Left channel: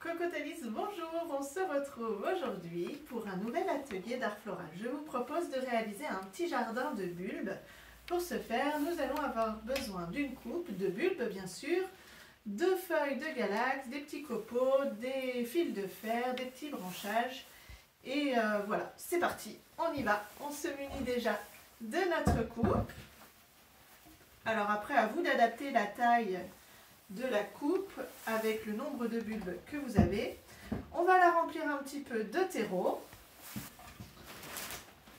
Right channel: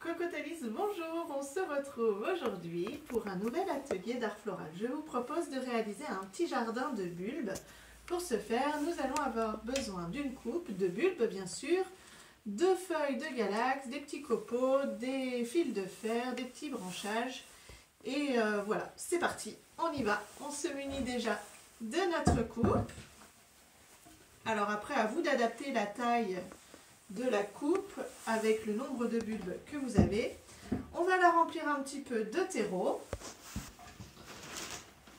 Cocotalis, bonjour, on se retrouve aujourd'hui pour un nouvel atelier d'art floral. Je vous propose de réaliser un petit jardin de bulbes. Pour ce faire, nous allons avoir besoin d'une coupe, de bulbes bien sûr, de feuilles de galax, des petits copeaux, des fils de fer, des petits branchages. Et voilà, c'est parti, on y va. On se munit déjà de notre coupe. Alors après, à vous d'adapter la taille de la coupe avec le nombre de bulbes que vous avez. On va la remplir un petit peu de terreau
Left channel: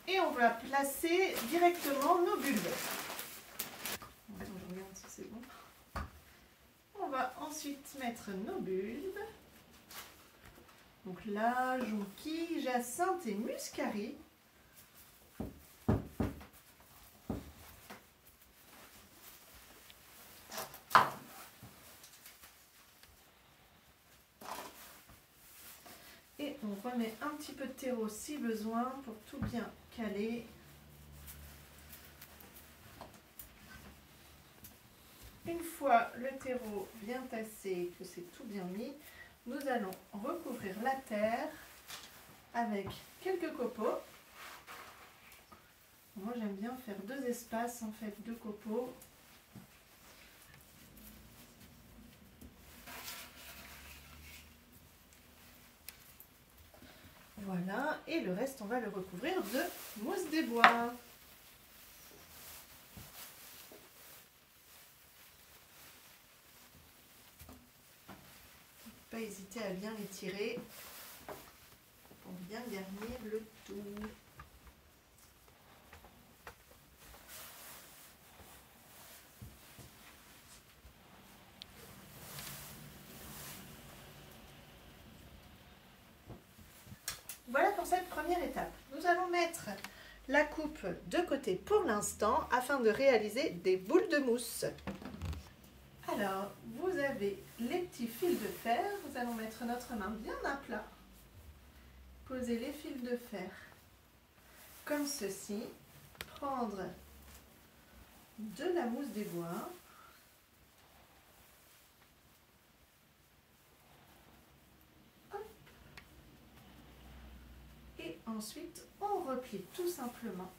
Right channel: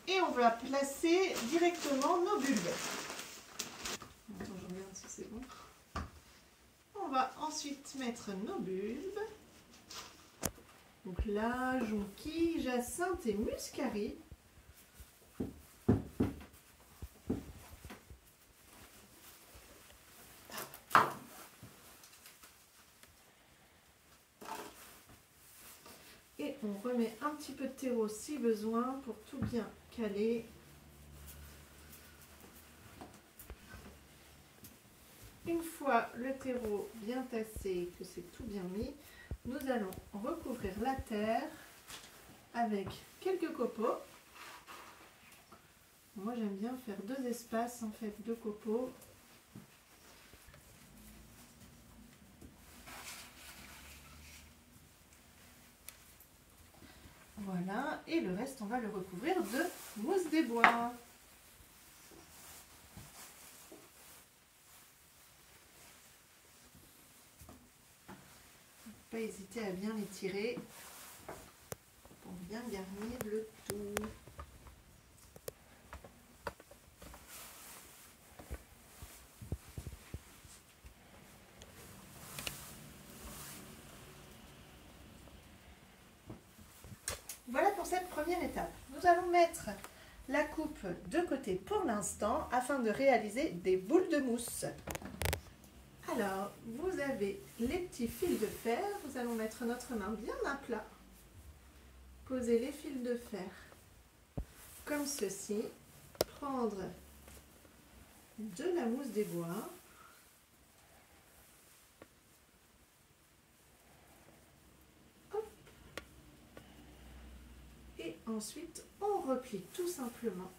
et on va placer directement nos bulbes. Attends, je regarde si c'est bon. On va ensuite mettre nos bulbes. Donc là, jonquille, jacinthe et muscari. Et on remet un petit peu de terreau si besoin pour tout bien caler. Une fois le terreau bien tassé, que c'est tout bien mis, nous allons recouvrir la terre avec quelques copeaux. Moi j'aime bien faire deux espaces en fait de copeaux. Voilà, et le reste, on va le recouvrir de mousse des bois. Pas hésiter à bien les tirer pour bien garnir le tout. Voilà pour cette première étape. Nous allons mettre la coupe de côté pour l'instant afin de réaliser des boules de mousse. Alors, vous avez les petits fils de fer. Nous allons mettre notre main bien à plat. Poser les fils de fer comme ceci. Prendre de la mousse des bois. Et ensuite, on replie tout simplement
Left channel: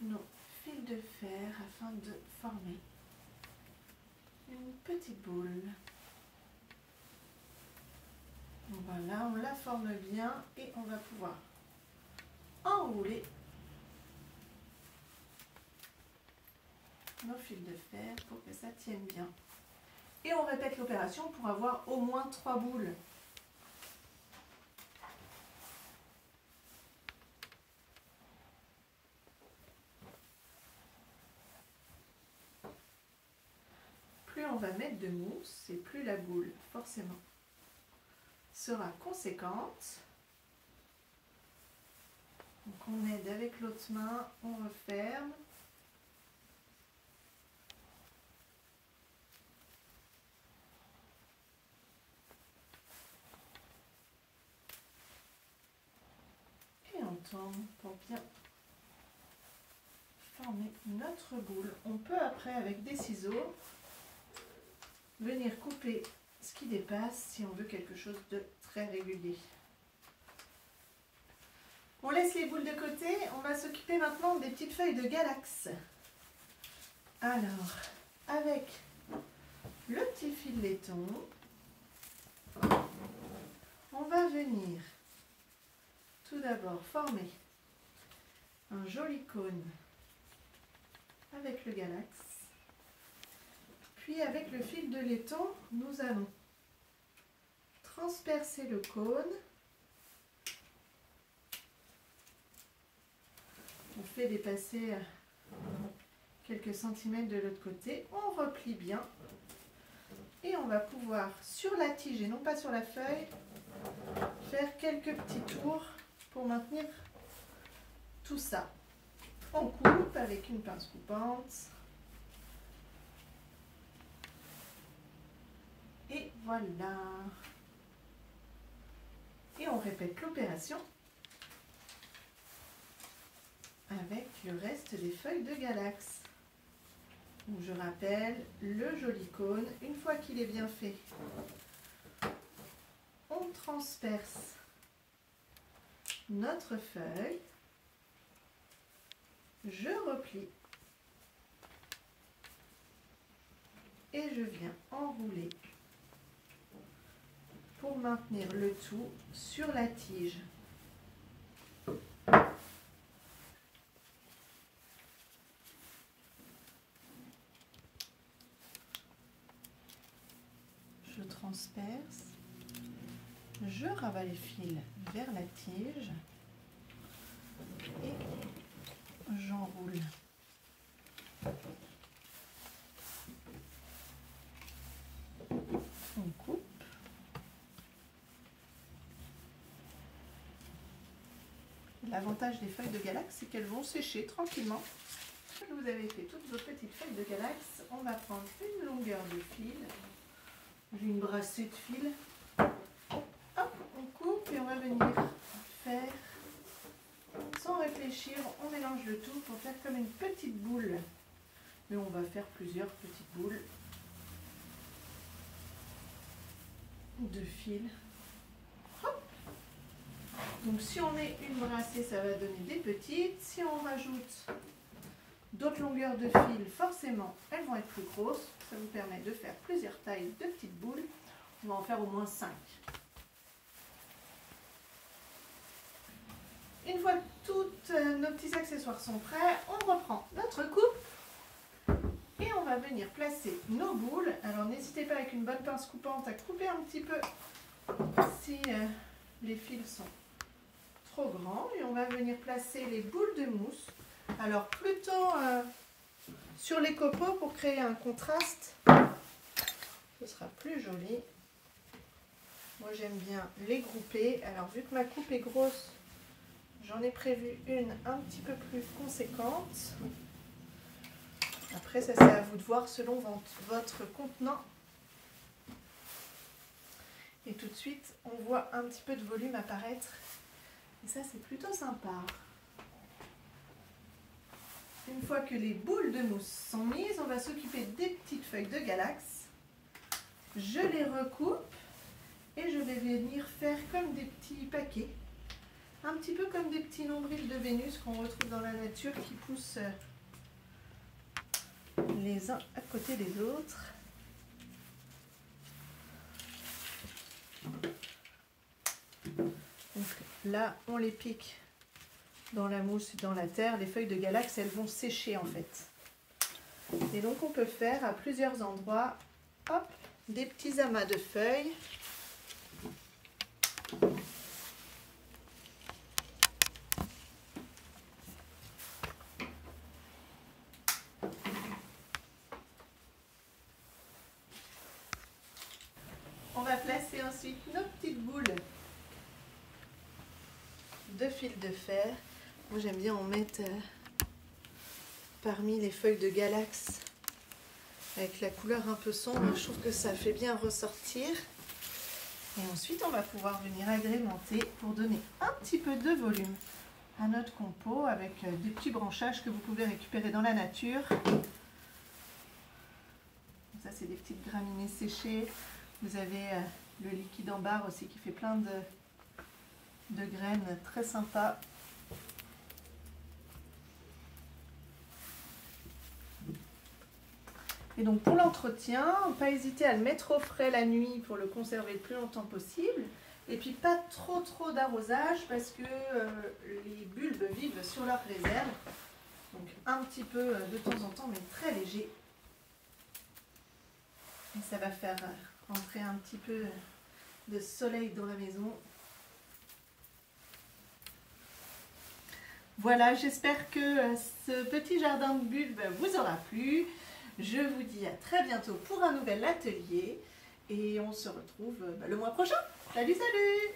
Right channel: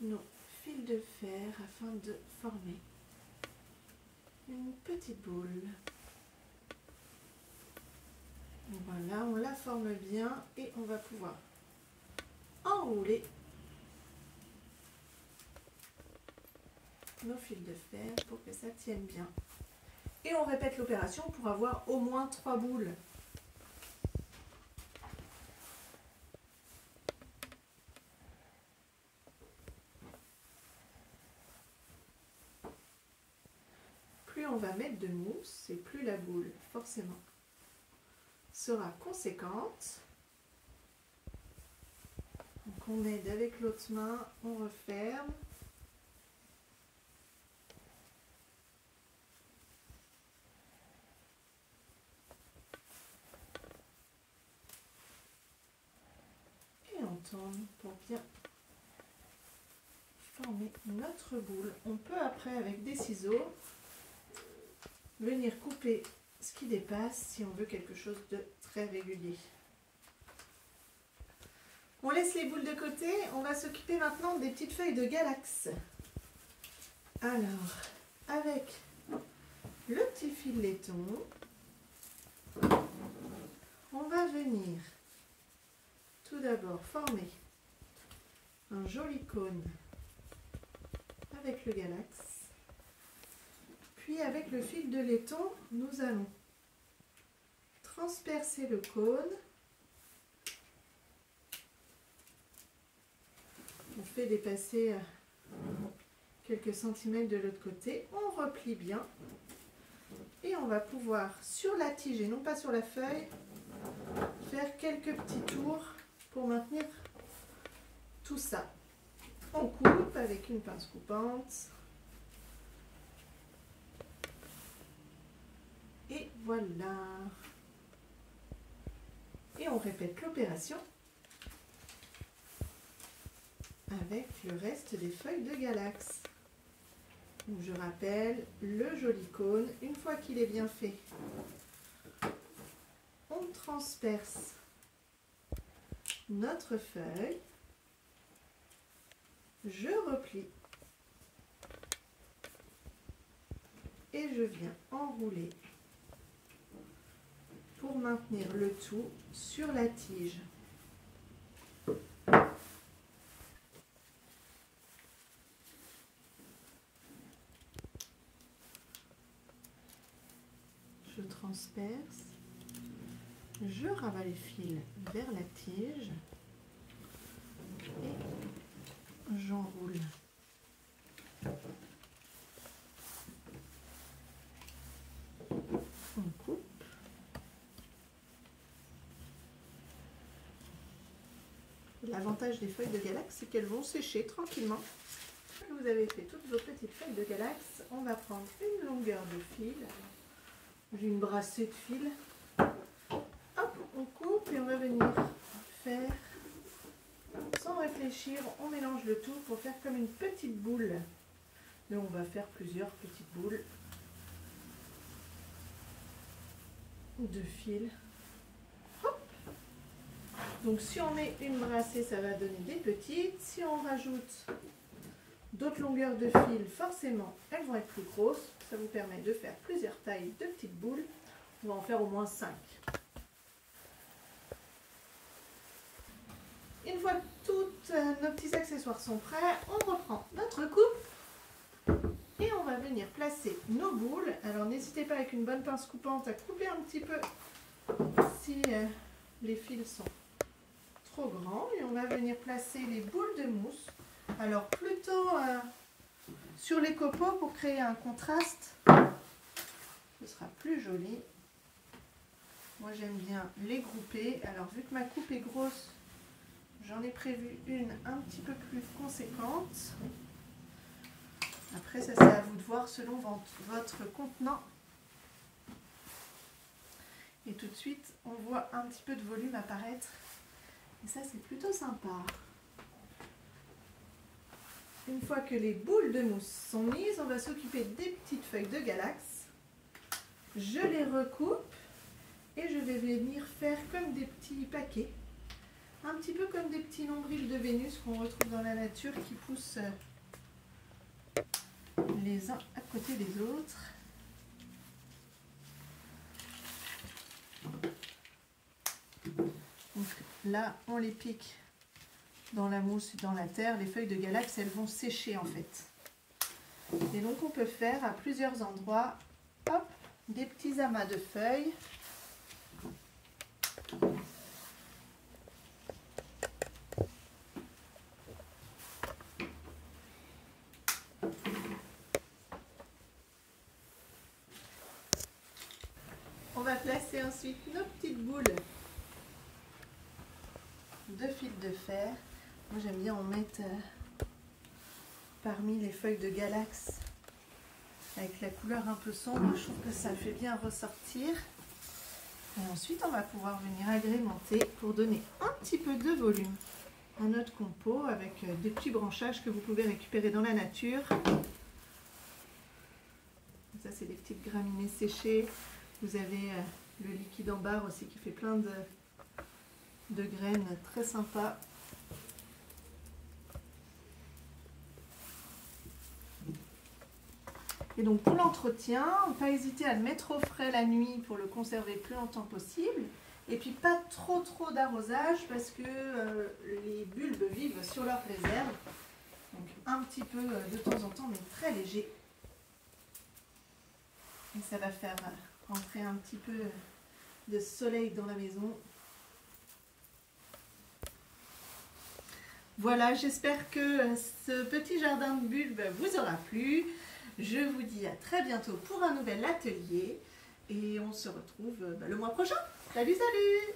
nos fils de fer afin de former une petite boule. Voilà, on la forme bien et on va pouvoir enrouler nos fils de fer pour que ça tienne bien. Et on répète l'opération pour avoir au moins 3 boules. Plus on va mettre de mousse et plus la boule, forcément, sera conséquente. Donc on aide avec l'autre main, on referme. Et on tourne pour bien former notre boule. On peut après avec des ciseaux venir couper ce qui dépasse si on veut quelque chose de très régulier. On laisse les boules de côté, on va s'occuper maintenant des petites feuilles de galax. Alors, avec le petit fil laiton, on va venir tout d'abord former un joli cône avec le galax. Puis avec le fil de laiton, nous allons transpercer le cône. On fait dépasser quelques centimètres de l'autre côté. On replie bien. Et on va pouvoir, sur la tige et non pas sur la feuille, faire quelques petits tours pour maintenir tout ça. On coupe avec une pince coupante. Et voilà. Et on répète l'opération avec le reste des feuilles de galax. Donc je rappelle le joli cône. Une fois qu'il est bien fait, transperce notre feuille, je replie et je viens enrouler pour maintenir le tout sur la tige. Je transperce, je ravale le fil vers la tige et j'enroule. On coupe. L'avantage des feuilles de galax, c'est qu'elles vont sécher tranquillement. Quand vous avez fait toutes vos petites feuilles de galax, on va prendre une longueur de fil, une brassée de fil. Hop, on coupe et on va venir faire, sans réfléchir, on mélange le tout pour faire comme une petite boule. Mais on va faire plusieurs petites boules de fil. Hop. Donc si on met une brassée, ça va donner des petites. Si on rajoute d'autres longueurs de fil, forcément, elles vont être plus grosses. Ça vous permet de faire plusieurs tailles de petites boules. On va en faire au moins 5. Une fois que tous nos petits accessoires sont prêts, on reprend notre coupe et on va venir placer nos boules. Alors n'hésitez pas avec une bonne pince coupante à couper un petit peu si les fils sont trop grands. Et on va venir placer les boules de mousse. Alors plutôt sur les copeaux pour créer un contraste. Ce sera plus joli. Moi j'aime bien les grouper. Alors vu que ma coupe est grosse, j'en ai prévu une un petit peu plus conséquente. Après ça c'est à vous de voir selon votre contenant. Et tout de suite on voit un petit peu de volume apparaître. Et ça c'est plutôt sympa. Une fois que les boules de mousse sont mises, on va s'occuper des petites feuilles de galax. Je les recoupe et je vais venir faire comme des petits paquets. Un petit peu comme des petits nombrils de Vénus qu'on retrouve dans la nature qui poussent les uns à côté des autres. Donc là, on les pique dans la mousse, dans la terre. Les feuilles de galax, elles vont sécher en fait. Et donc on peut faire à plusieurs endroits, hop, des petits amas de feuilles. On va placer ensuite nos petites boules de fil de fer. Moi j'aime bien en mettre parmi les feuilles de galax avec la couleur un peu sombre. Je trouve que ça fait bien ressortir. Et ensuite on va pouvoir venir agrémenter pour donner un petit peu de volume à notre compo avec des petits branchages que vous pouvez récupérer dans la nature. Ça c'est des petites graminées séchées. Vous avez le liquide en barre aussi qui fait plein de graines très sympa. Et donc pour l'entretien, pas hésiter à le mettre au frais la nuit pour le conserver le plus longtemps possible. Et puis pas trop d'arrosage parce que les bulbes vivent sur leur réserve. Donc un petit peu de temps en temps, mais très léger. Et ça va faire entrer un petit peu de soleil dans la maison. Voilà, j'espère que ce petit jardin de bulbes vous aura plu. Je vous dis à très bientôt pour un nouvel atelier et on se retrouve le mois prochain. Salut, salut!